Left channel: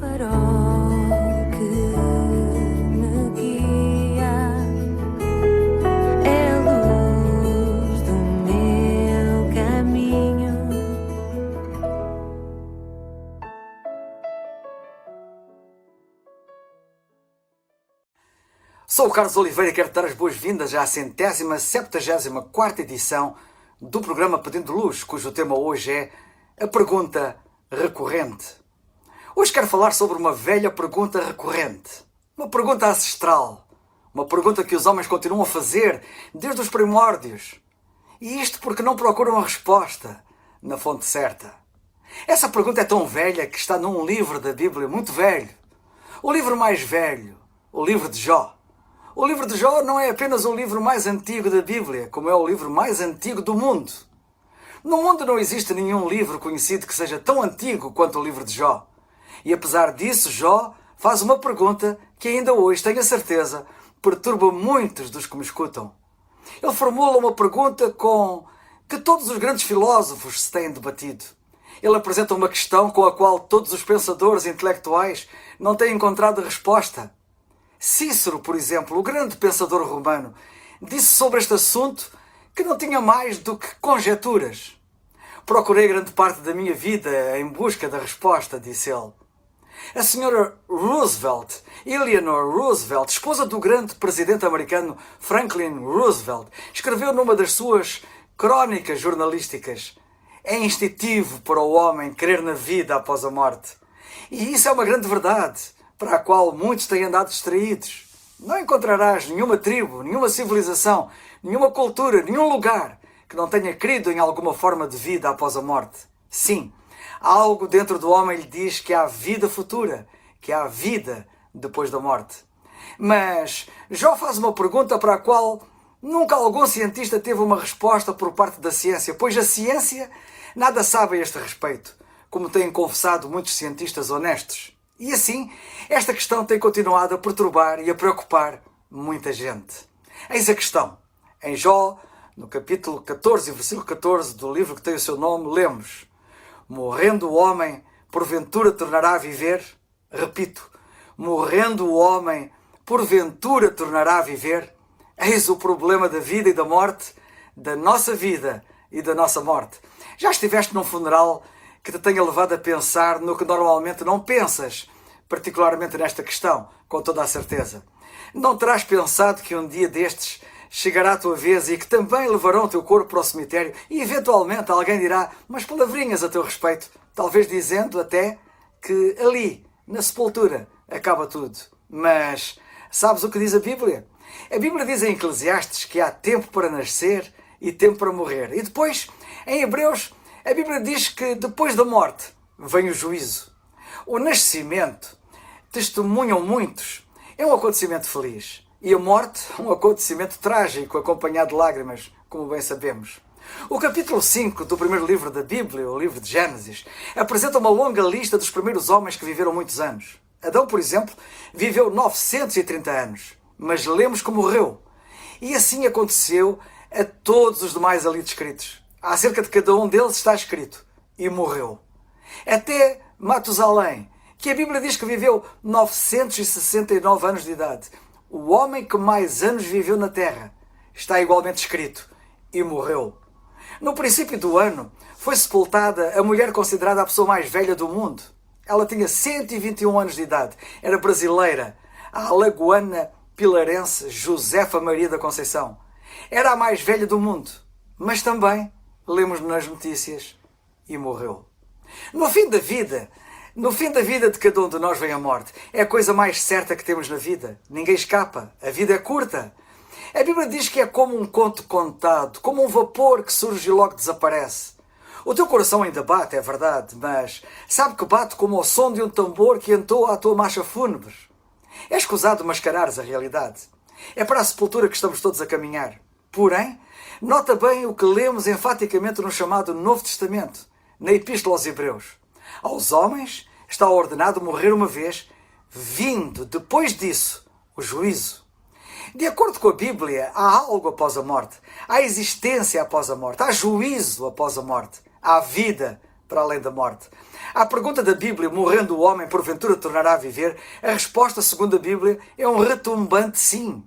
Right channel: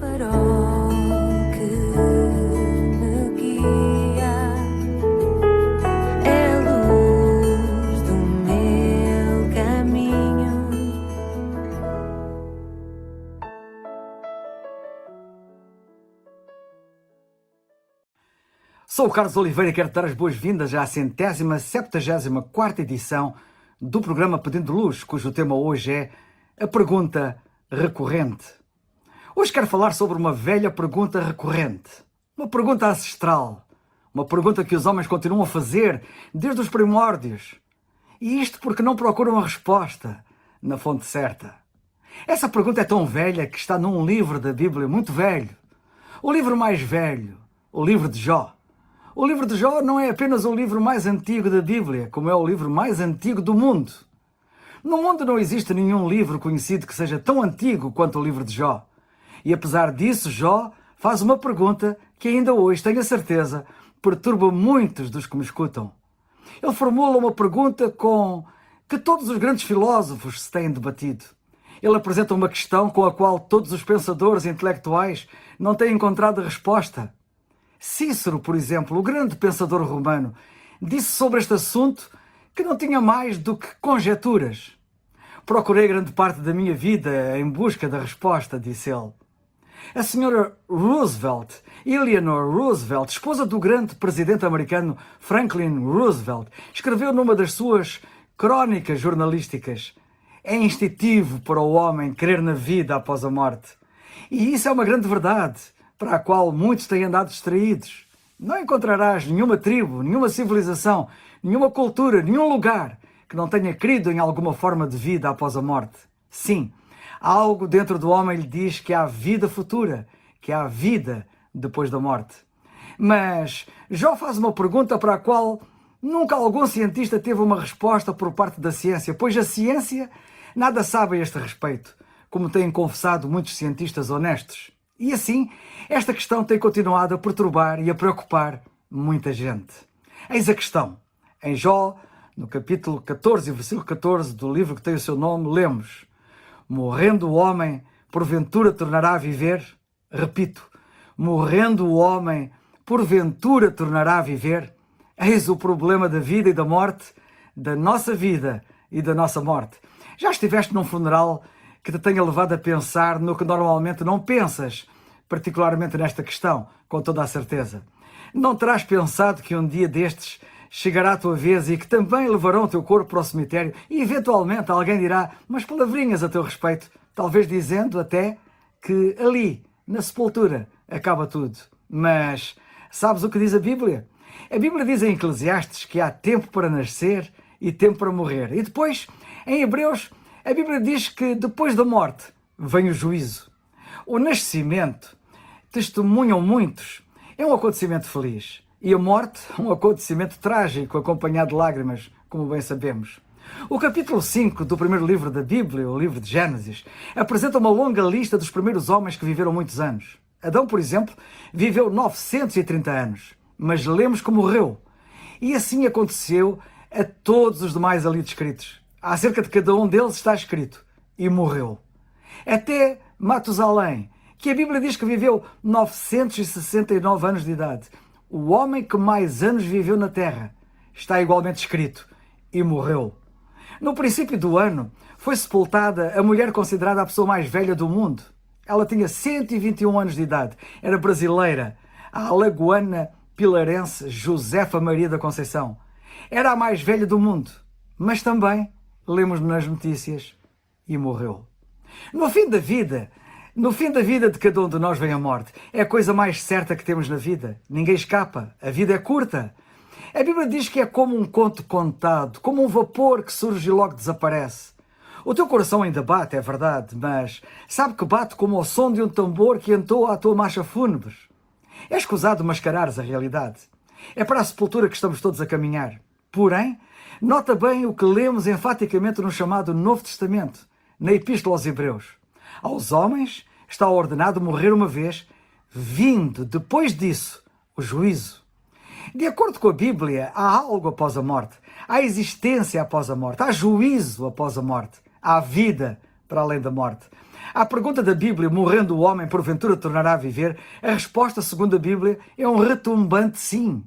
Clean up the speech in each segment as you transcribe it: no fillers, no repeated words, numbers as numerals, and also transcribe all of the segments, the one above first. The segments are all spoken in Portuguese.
farol que me guia, é a luz do meu caminho. Sou o Carlos Oliveira e quero dar as boas-vindas à 174ª edição do programa Pedindo Luz, cujo tema hoje é a pergunta recorrente. Hoje quero falar sobre uma velha pergunta recorrente, uma pergunta ancestral, uma pergunta que os homens continuam a fazer desde os primórdios. E isto porque não procuram a resposta na fonte certa. Essa pergunta é tão velha que está num livro da Bíblia muito velho, o livro mais velho, o livro de Jó. O livro de Jó não é apenas o livro mais antigo da Bíblia, como é o livro mais antigo do mundo. No mundo não existe nenhum livro conhecido que seja tão antigo quanto o livro de Jó. E apesar disso, Jó faz uma pergunta que ainda hoje, tenho a certeza, perturba muitos dos que me escutam. Ele formula uma pergunta com que todos os grandes filósofos se têm debatido. Ele apresenta uma questão com a qual todos os pensadores intelectuais não têm encontrado resposta. Cícero, por exemplo, o grande pensador romano, disse sobre este assunto que não tinha mais do que conjecturas. Procurei grande parte da minha vida em busca da resposta, disse ele. A senhora Roosevelt, Eleanor Roosevelt, esposa do grande presidente americano Franklin Roosevelt, escreveu numa das suas crónicas jornalísticas: é instintivo para o homem crer na vida após a morte. E isso é uma grande verdade, para a qual muitos têm andado distraídos. Não encontrarás nenhuma tribo, nenhuma civilização, nenhuma cultura, nenhum lugar que não tenha crido em alguma forma de vida após a morte. Sim, algo dentro do homem lhe diz que há vida futura, que há vida depois da morte. Mas Jó faz uma pergunta para a qual nunca algum cientista teve uma resposta por parte da ciência, pois a ciência nada sabe a este respeito, como têm confessado muitos cientistas honestos. E assim, esta questão tem continuado a perturbar e a preocupar muita gente. Eis a questão. Em Jó, no capítulo 14, versículo 14 do livro que tem o seu nome, lemos: morrendo o homem, porventura tornará a viver? Repito, morrendo o homem, porventura tornará a viver? Eis o problema da vida e da morte, da nossa vida e da nossa morte. Já estiveste num funeral que te tenha levado a pensar no que normalmente não pensas, particularmente nesta questão, com toda a certeza? Não terás pensado que um dia destes chegará a tua vez e que também levarão o teu corpo para o cemitério e eventualmente alguém dirá umas palavrinhas a teu respeito, talvez dizendo até que ali, na sepultura, acaba tudo. Mas sabes o que diz a Bíblia? A Bíblia diz em Eclesiastes que há tempo para nascer e tempo para morrer. E depois, em Hebreus, a Bíblia diz que depois da morte vem o juízo. O nascimento, testemunham muitos, é um acontecimento feliz. E a morte, um acontecimento trágico, acompanhado de lágrimas, como bem sabemos. O capítulo 5 do primeiro livro da Bíblia, o livro de Gênesis, apresenta uma longa lista dos primeiros homens que viveram muitos anos. Adão, por exemplo, viveu 930 anos, mas lemos que morreu. E assim aconteceu a todos os demais ali descritos. Acerca de cada um deles está escrito: e morreu. Até Matusalém, que a Bíblia diz que viveu 969 anos de idade. O homem que mais anos viveu na terra, está igualmente escrito: e morreu. No princípio do ano, foi sepultada a mulher considerada a pessoa mais velha do mundo. Ela tinha 121 anos de idade. Era brasileira, a alagoana pilarense Josefa Maria da Conceição. Era a mais velha do mundo, mas também, lemos nas notícias, e morreu. No fim da vida de cada um de nós vem a morte. É a coisa mais certa que temos na vida. Ninguém escapa. A vida é curta. A Bíblia diz que é como um conto contado, como um vapor que surge e logo desaparece. O teu coração ainda bate, é verdade, mas sabe que bate como o som de um tambor que entoa a tua marcha fúnebre. É escusado mascarares a realidade. É para a sepultura que estamos todos a caminhar. Porém, nota bem o que lemos enfaticamente no chamado Novo Testamento, na Epístola aos Hebreus. Aos homens está ordenado morrer uma vez, vindo depois disso o juízo. De acordo com a Bíblia, há algo após a morte. Há existência após a morte. Há juízo após a morte. Há vida para além da morte. À pergunta da Bíblia, morrendo o homem, porventura tornará a viver, a resposta, segundo a Bíblia, é um retumbante sim.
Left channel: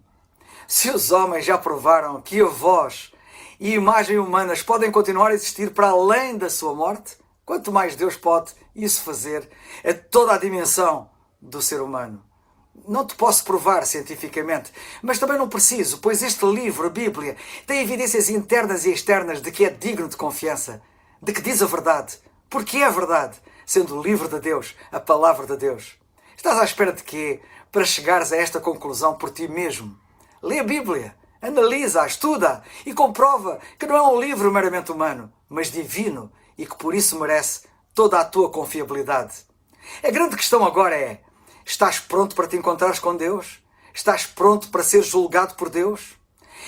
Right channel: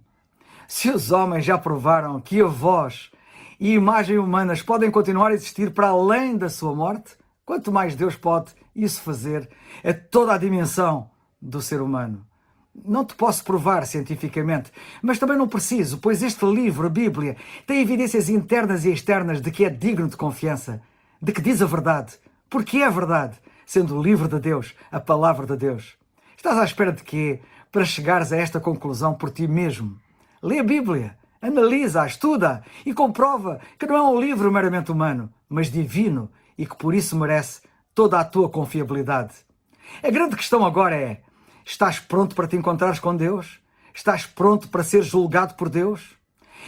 Se os homens já provaram que a voz e a imagem humanas podem continuar a existir para além da sua morte, quanto mais Deus pode isso fazer a toda a dimensão do ser humano. Não te posso provar cientificamente, mas também não preciso, pois este livro, a Bíblia, tem evidências internas e externas de que é digno de confiança, de que diz a verdade, porque é verdade, sendo o livro de Deus, a palavra de Deus. Estás à espera de quê? Para chegares a esta conclusão por ti mesmo. Lê a Bíblia, analisa-a, estuda e comprova que não é um livro meramente humano, mas divino e que por isso merece toda a tua confiabilidade. A grande questão agora é: estás pronto para te encontrares com Deus? Estás pronto para ser julgado por Deus?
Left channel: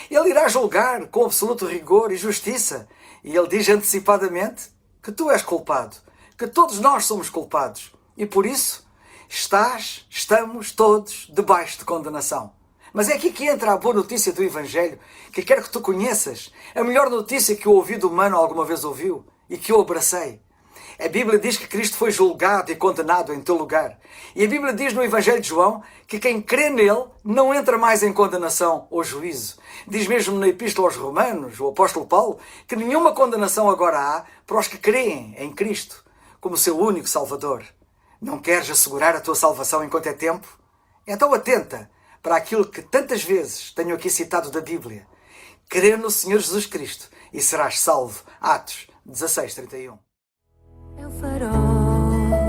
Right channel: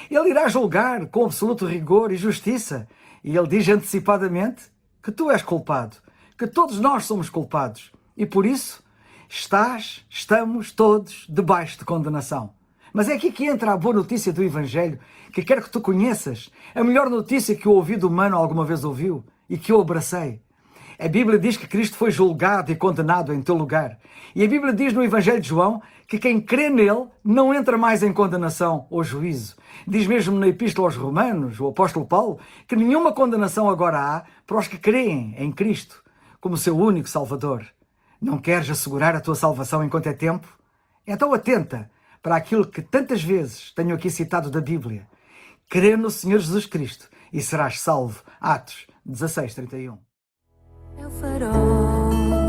Ele irá julgar com absoluto rigor e justiça. E Ele diz antecipadamente que tu és culpado, que todos nós somos culpados. E por isso, estamos todos debaixo de condenação. Mas é aqui que entra a boa notícia do Evangelho, que quero que tu conheças. A melhor notícia que o ouvido humano alguma vez ouviu e que eu abracei. A Bíblia diz que Cristo foi julgado e condenado em teu lugar. E a Bíblia diz no Evangelho de João que quem crê nele não entra mais em condenação ou juízo. Diz mesmo na Epístola aos Romanos, o apóstolo Paulo, que nenhuma condenação agora há para os que creem em Cristo como seu único Salvador. Não queres assegurar a tua salvação enquanto é tempo? Então atenta para aquilo que tantas vezes tenho aqui citado da Bíblia. Crê no Senhor Jesus Cristo e serás salvo. Atos 16:31. É o farol